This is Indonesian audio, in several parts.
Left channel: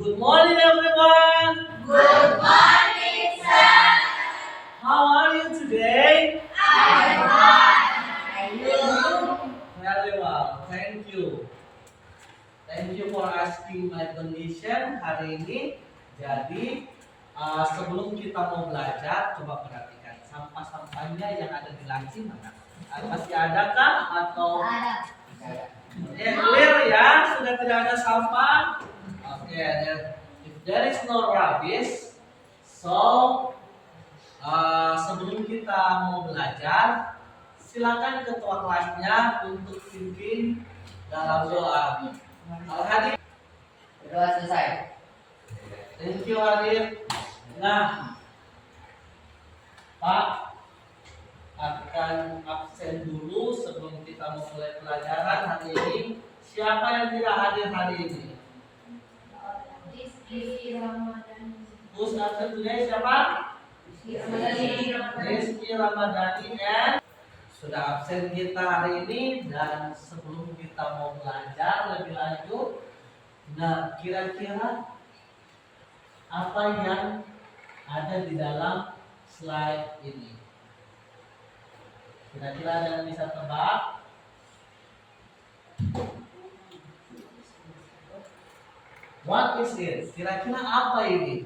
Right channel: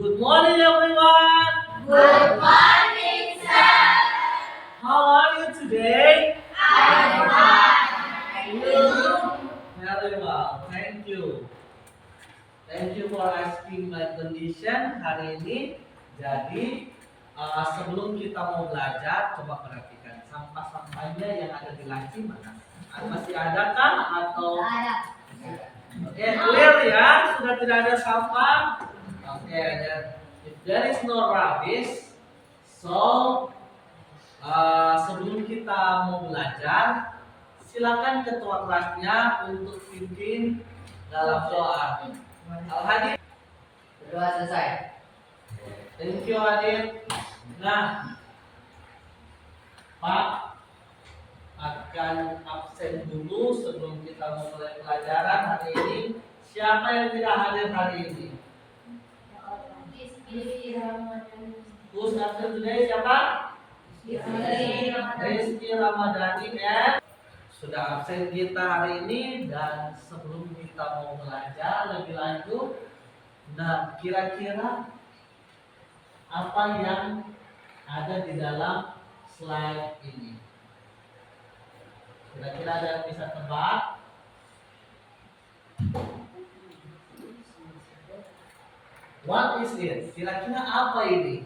Good morning, everyone. Good morning, sir. How are you today? I'm fine. And you? Very well, thank you. Thank you for asking my condition hari ini. Jadi, sebelum kita mau belajar, coba perhatikan sampah-sampahnya yang ada di laci mana? Masih adakah atau? Ada. Oke, clear ya? Sudah tidak ada sampah? Oke, if there is no rubbish, so sebelum kita mau belajar, silakan ketua kelasnya untuk pimpin dalam doa. Al-Hadid. Berdoa selesai. Thank you, Hadid. Nah, Pak akan absen dulu sebelum kita mau mulai pelajaran hari ini. Siapa yang tidak hadir hari ini? Who's absent today? Siapa? Rizky Ramadhani dan sudah absen kita hari ini. Dan sebelum kita mau belajar lebih lanjut, nah kira-kira apa yang ada di dalam slide ini? Kira-kira ada yang bisa tebak? What is it? Kira-kira apa ini?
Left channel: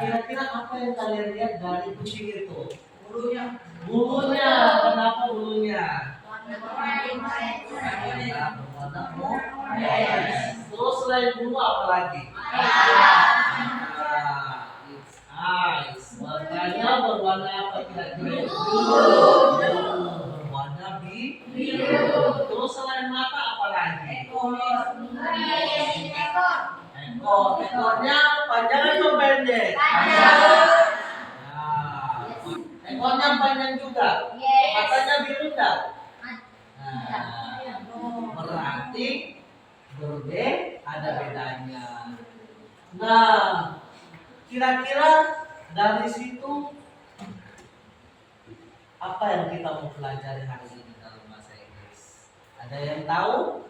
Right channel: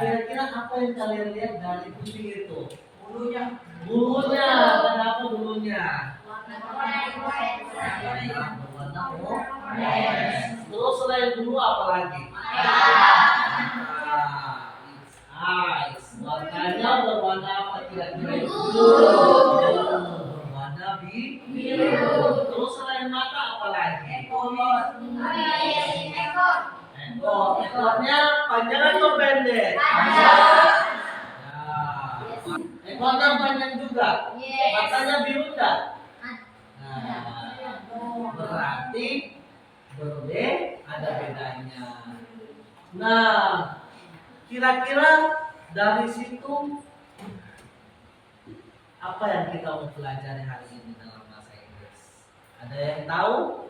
Kira-kira apa yang kalian lihat dari kucing itu? Bulunya. Bulunya. Kenapa bulunya? Berwarna orange. Terus selain bulu apa lagi? It's eyes. Warnanya berwarna apa kira-kira? Berwarna biru. Terus selain mata apa lagi? Ekornya panjang atau pendek? Nah, ekornya panjang juga. Matanya biru enggak? Nah, berarti ada bedanya. Nah, kira-kira dari situ apa yang kita mau pelajari hari ini dalam bahasa Inggris? Ada yang tahu?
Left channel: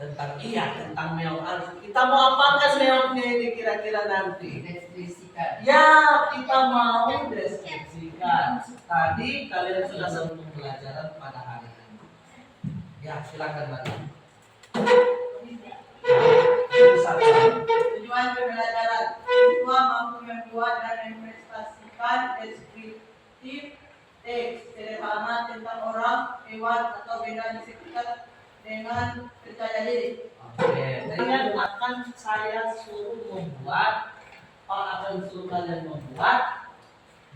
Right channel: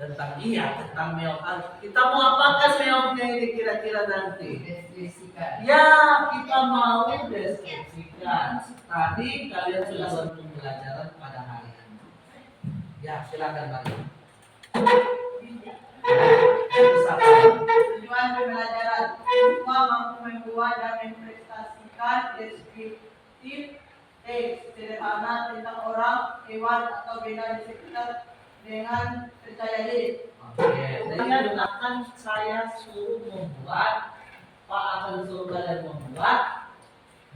Tentang meong. Kita mau apakan meongnya ini kira-kira nanti? Deskripsikan. Ya, kita mau deskripsikan. Tadi kalian sudah sentuh pelajaran pada hari ini. Ya, silakan Mari. Tujuan pembelajaran siswa mampu membuat dan mempresentasikan deskriptif teks sederhana tentang orang, hewan, atau benda di sekitar dengan percaya diri. Oke, kalian akan saya suruh membuat, Pak akan suruh kalian membuat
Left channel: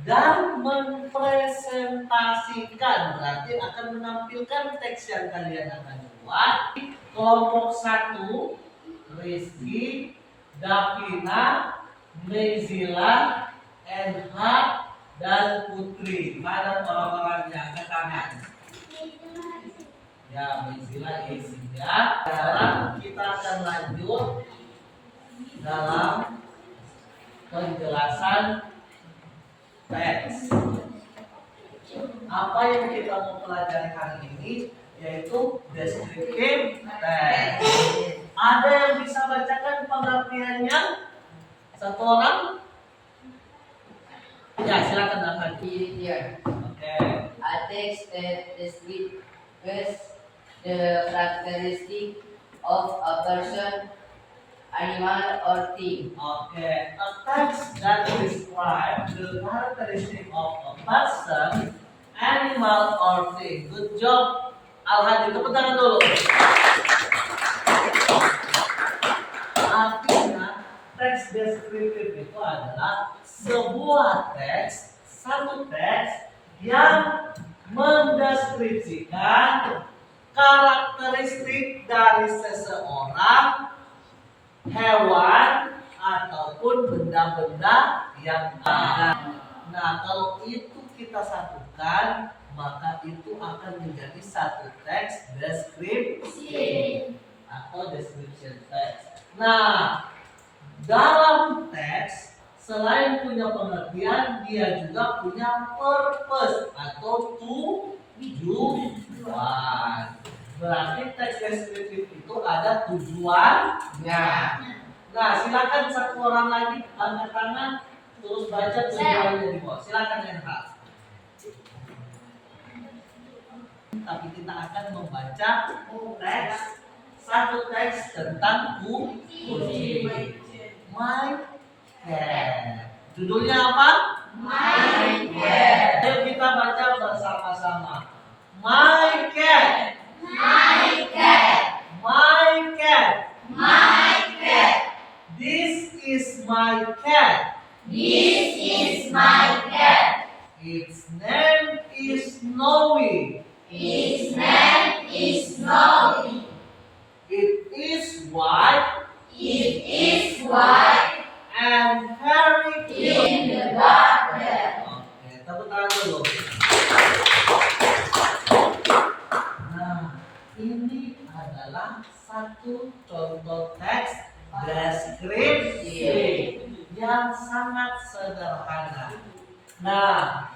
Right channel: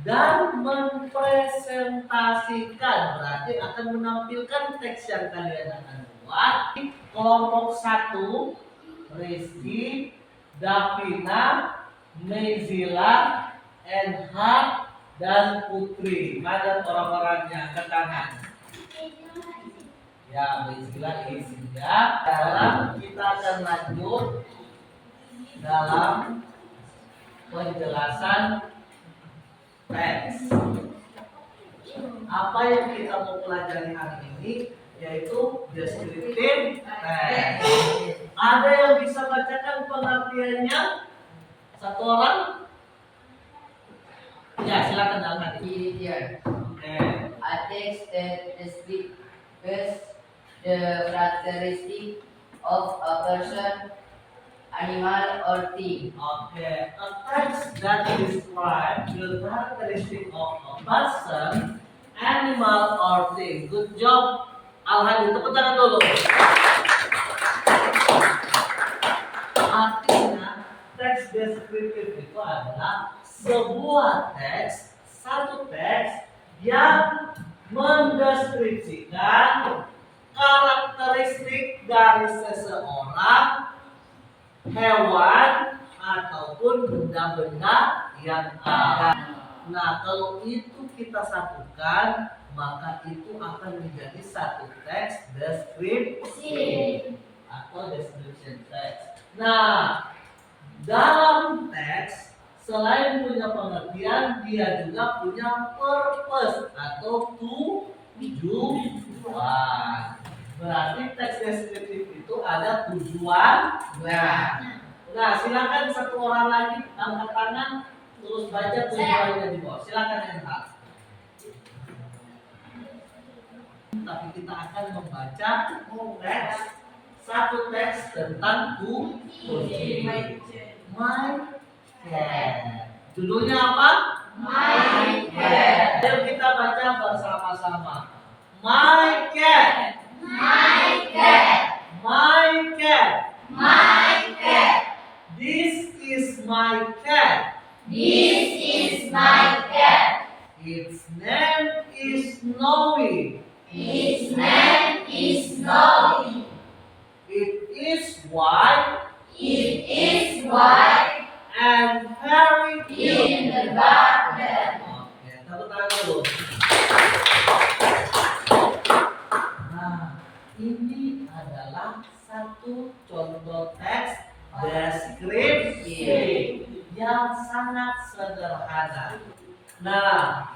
dan mempresentasikan. Berarti akan menampilkan teks yang kalian akan buat. Kelompok 1, Rizky, Davina, Nezila, Enha, dan Putri. Mana orang-orangnya? Ke kanan. Ya, Nezila isinya. Sekarang kita akan lanjut dalam penjelasan teks. Apa yang kita mau pelajari hari ini yaitu deskriptif teks. Ada yang bisa bacakan pengertiannya? Satu orang? Ya, silakan Al-Hadid. Here. Oke. A text that describes the characteristic of a person, animal, or thing. Oke. A text that describes the characteristic of a person, animal, or thing. Good job, Al-Hadid. Tepuk tangan dulu. Artinya, teks deskriptif itu adalah sebuah teks, satu teks yang mendeskripsikan karakteristik dari seseorang, hewan, ataupun benda-benda yang ada. Nah, kalau itu kita satukan, maka itu akan menjadi satu teks deskripsi atau description text. Nah, dalam teks selain punya pengertian, dia juga punya purpose atau tujuan. Berarti teks deskriptif itu ada tujuan. Nah, Nah, silakan satu orang lagi angkat tangan terus baca tujuannya di bawah. Silakan Enhal. Tapi kita akan membaca teks, satu teks tentang kucing. My cat. Judulnya apa? My cat. Ayo kita baca bersama-sama. My cat. my cat, My cat. my cat, This is my cat. this is my cat. Its name is Snowy. His name is Snowy. It is white It is white and very cute. in the garden. Oke, tepuk tangan dulu. Nah, ini adalah satu contoh teks deskripsi yang sangat sederhana. Nah,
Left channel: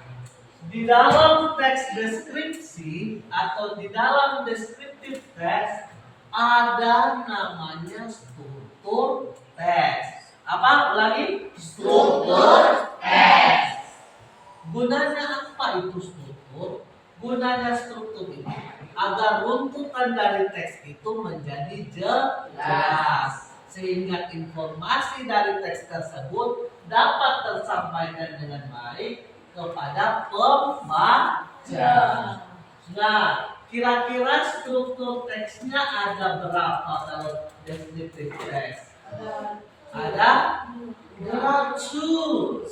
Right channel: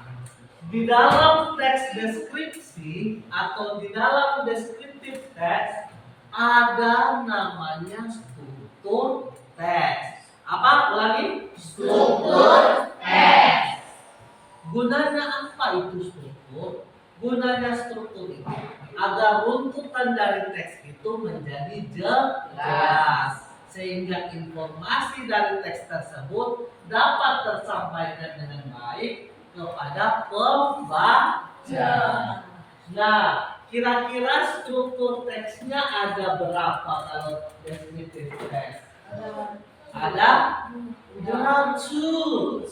di dalam teks deskripsi atau di dalam deskriptif teks ada namanya struktur teks. Apa? Ulangi. Struktur teks. Gunanya apa itu struktur? Gunanya struktur itu agar runtutan dari teks itu menjadi jelas, sehingga informasi dari teks tersebut dapat tersampaikan dengan baik kepada pembaca. Nah, kira-kira struktur teksnya ada berapa kalau descriptive text? Ada? There are two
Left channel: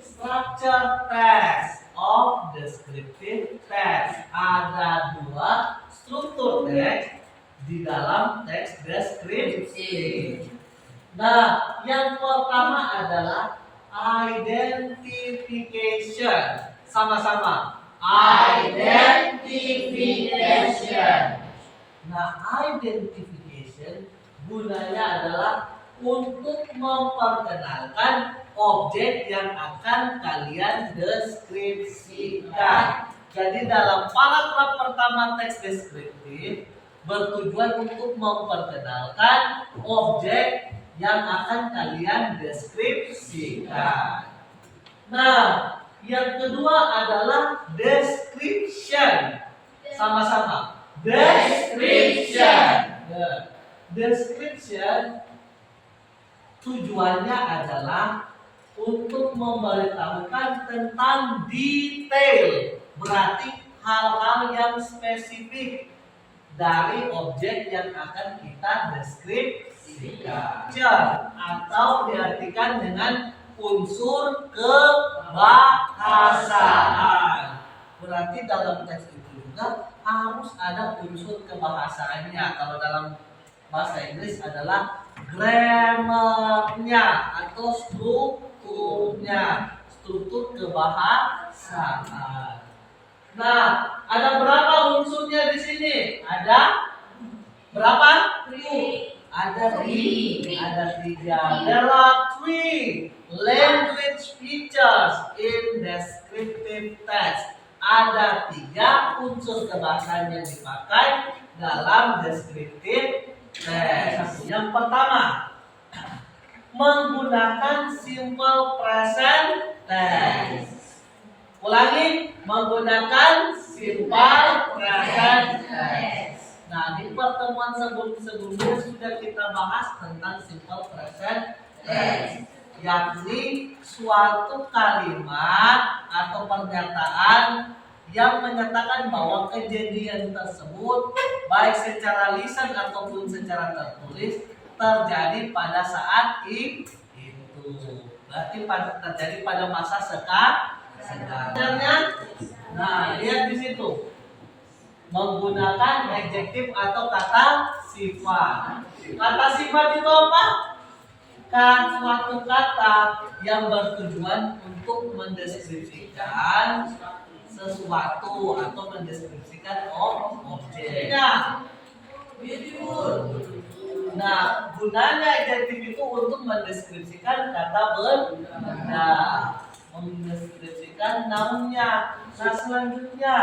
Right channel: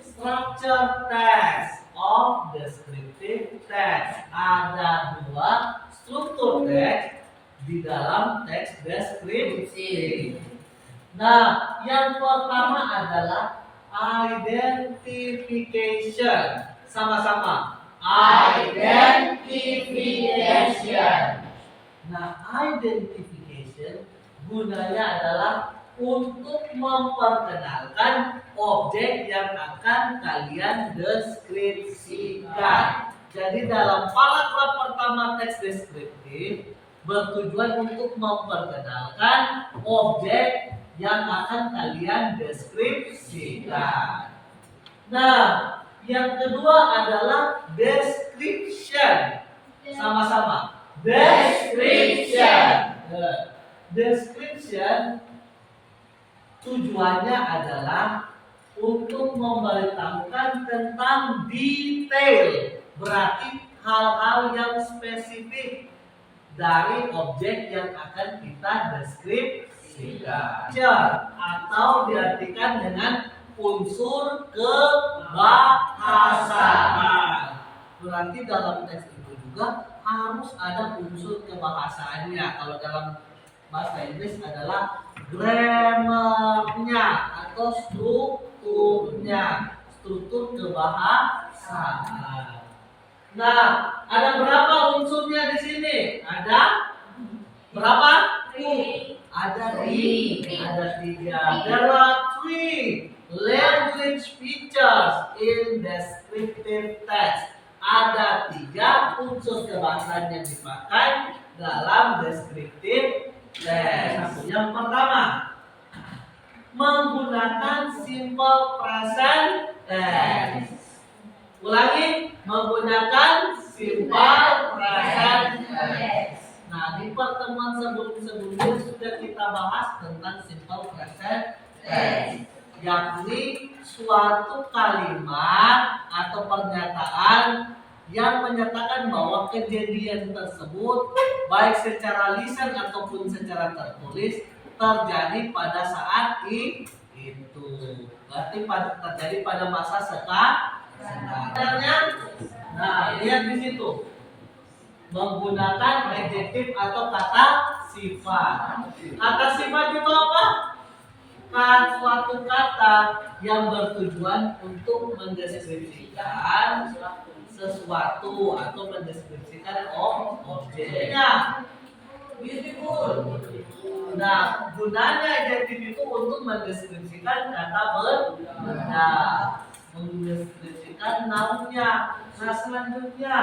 structure text of descriptive text. Ada dua struktur teks di dalam teks deskripsi. Nah, yang pertama adalah identification. Sama-sama. Identification. Nah, identification gunanya adalah untuk memperkenalkan objek yang akan kalian deskripsikan. Jadi dalam paragraf pertama teks deskriptif bertujuan untuk memperkenalkan objek yang akan kalian deskripsikan. Nah, yang kedua adalah description. Sama-sama. Description. Description tujuannya adalah untuk memberitahukan tentang detail, berarti hal-hal yang spesifik dari objek yang akan kita deskripsikan. Atau diartikan dengan unsur kebahasaan. Berarti dalam teks itu juga harus ada unsur kebahasaannya. Kalau dalam bahasa Inggris adalah grammarnya atau strukturnya, struktur kebahasaan. Nah, ada berapa unsurnya di sini? Ada berapa? Ada tiga. There are three language features in descriptive text. Ada tiga unsur kebahasaan yang dipakai dalam descriptive text. Yang pertama, menggunakan simple present tense. Ulangi, menggunakan simple present tense. Nah, di pertemuan sebelumnya sudah kita bahas tentang simple present tense, yakni suatu kalimat atau pernyataan yang menyatakan bahwa kejadian tersebut baik secara lisan ataupun secara tertulis terjadi pada saat itu. Berarti terjadi pada masa sekarang. Nah, lihat di situ. Menggunakan adjektif atau kata sifat. Kata sifat itu apa? Suatu kata yang bertujuan untuk mendeskripsikan sesuatu atau mendeskripsikan objek. Beautiful. Nah, gunanya adjektif itu untuk mendeskripsikan kata benda, mendeskripsikan nounnya. Nah, selanjutnya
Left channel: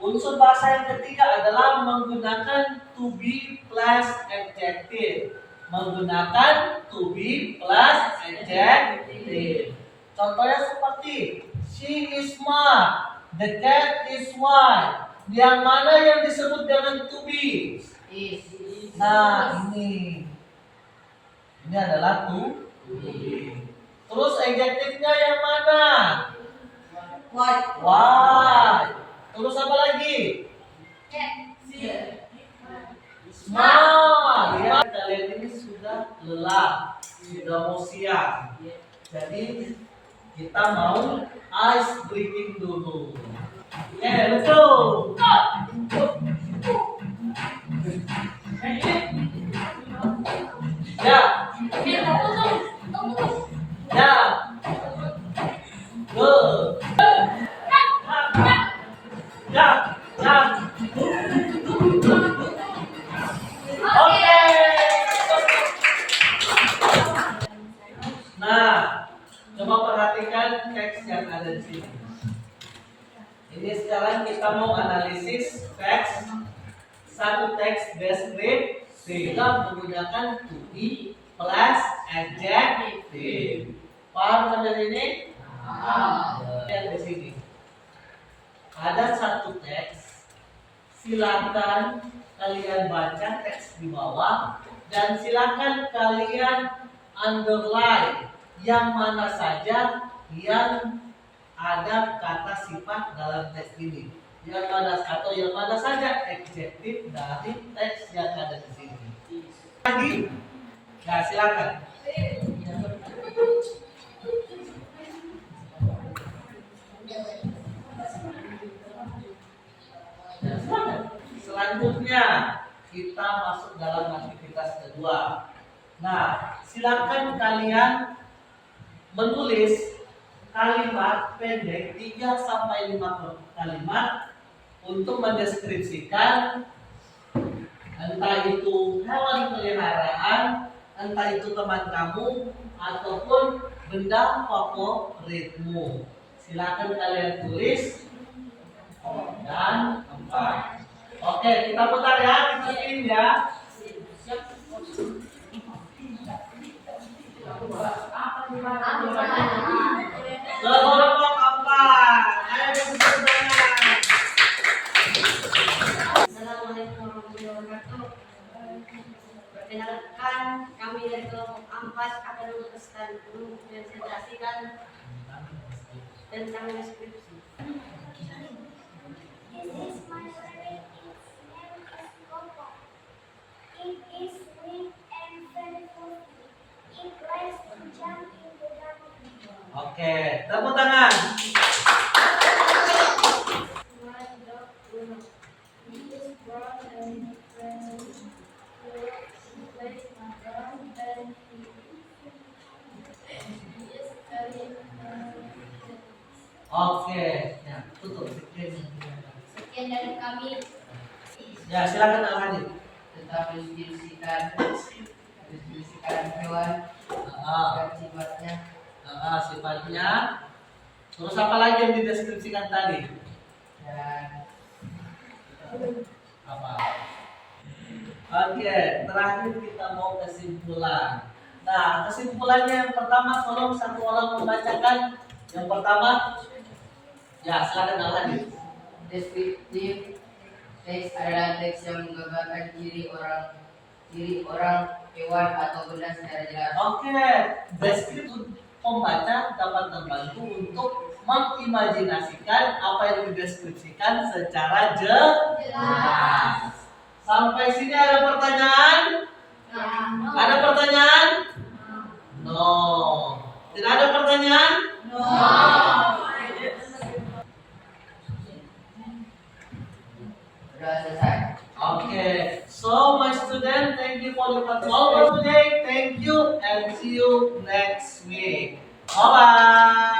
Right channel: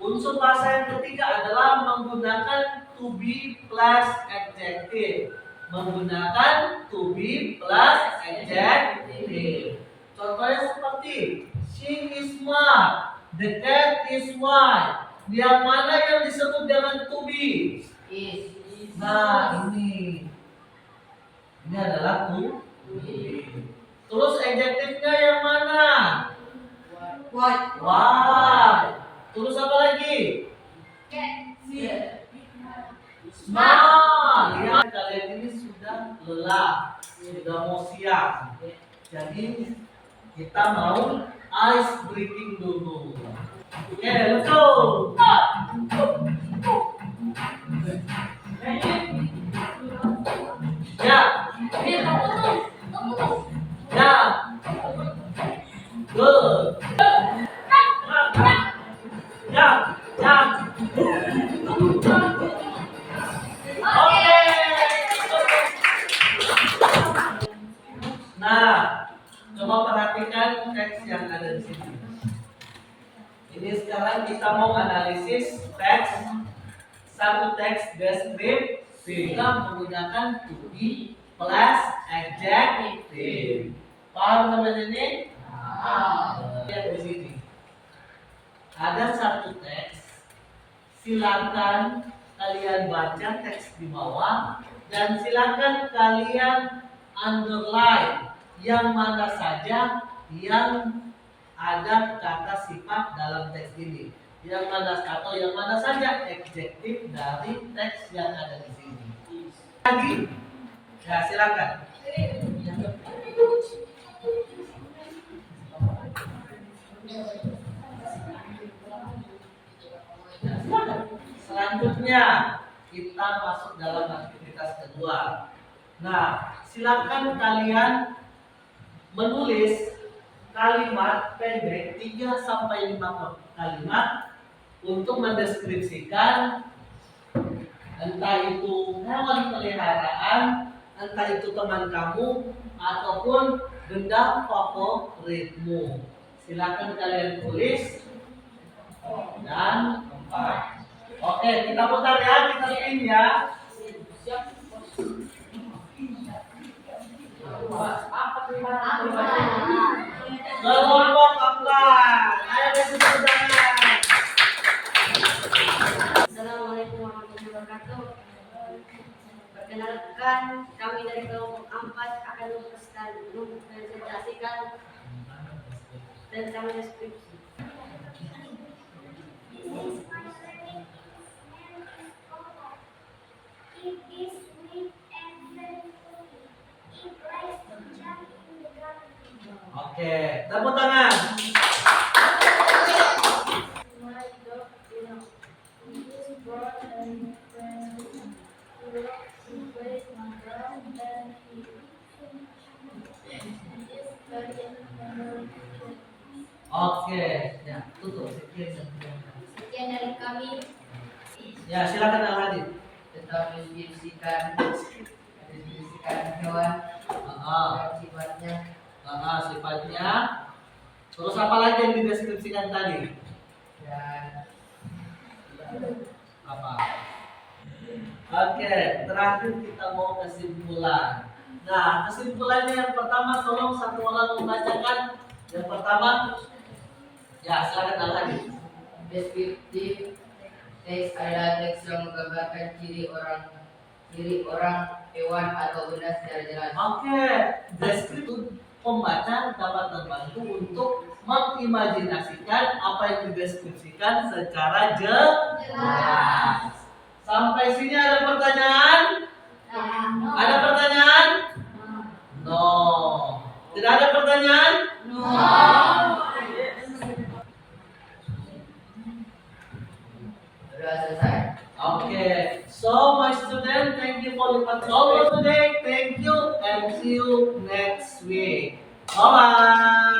Unsur bahasa yang ketiga adalah menggunakan to be plus adjective. Menggunakan to be plus adjective. Contohnya seperti she is smart, the cat is white. Yang mana yang disebut dengan to be? Is. Nah, ini adalah to be. Terus adjektifnya yang mana? White. White. Terus apa lagi? Smart. Ya, kalian ini sudah lelah, sudah mau siang. Jadi kita mau ice breaking dulu. Oke, let's go. Ya, ya. Good. Ya, ya. Oke. Nah, coba perhatikan teks yang ada di sini. Ini sekarang kita mau analisis teks, satu teks deskriptif dengan menggunakan to be plus adjective. Paham sampai sini? Lihat di sini. Ada satu teks. Silakan kalian baca teks di bawah dan silakan kalian underline yang mana saja yang ada kata sifat dalam teks ini. Yang mana saja adjektif dari teks yang ada di sini. Lagi? Ya, silakan. Selanjutnya kita masuk dalam aktivitas kedua. Nah, silakan kalian menulis kalimat pendek 3 sampai 5 kalimat untuk mendeskripsikan entah itu hewan peliharaan, entah itu teman kamu ataupun benda favoritmu. Silakan kalian tulis dan tempat. Oke, kita putar ya, kita spin ya. Kelompok keempat. Ayo berdiri tangan. Assalamualaikum warahmatullahi wabarakatuh. Perkenalkan, kami dari kelompok Ampas akan mempresentasikan tentang deskripsi. This is my favorite. Its name is Coco. It is sweet and very fluffy. It likes to jump in the garden. Oke, tepuk tangan. Oke, ya tutup. Sekian dari kami. Ya, silakan Al-Hadid. Tetap deskripsikan hewan dan sifatnya. Sifatnya. Terus apa lagi yang dideskripsikan tadi? Dan Apa? Oke, terakhir kita mau kesimpulan. Nah, kesimpulannya yang pertama, tolong satu orang membacakan. Yang pertama, ya silakan Al-Hadid. deskriptif teks adalah teks yang menggambarkan ciri orang, hewan atau benda secara jelas. Oke, deskriptif pembaca dapat membantu untuk mengimajinasikan apa yang dideskripsikan secara jelas. Sampai sini ada pertanyaan? Ada pertanyaan? No. Tidak ada pertanyaan? No. Sudah selesai. Okay. So my student, thank you for your participation today. Thank you and see you next week. Bye bye.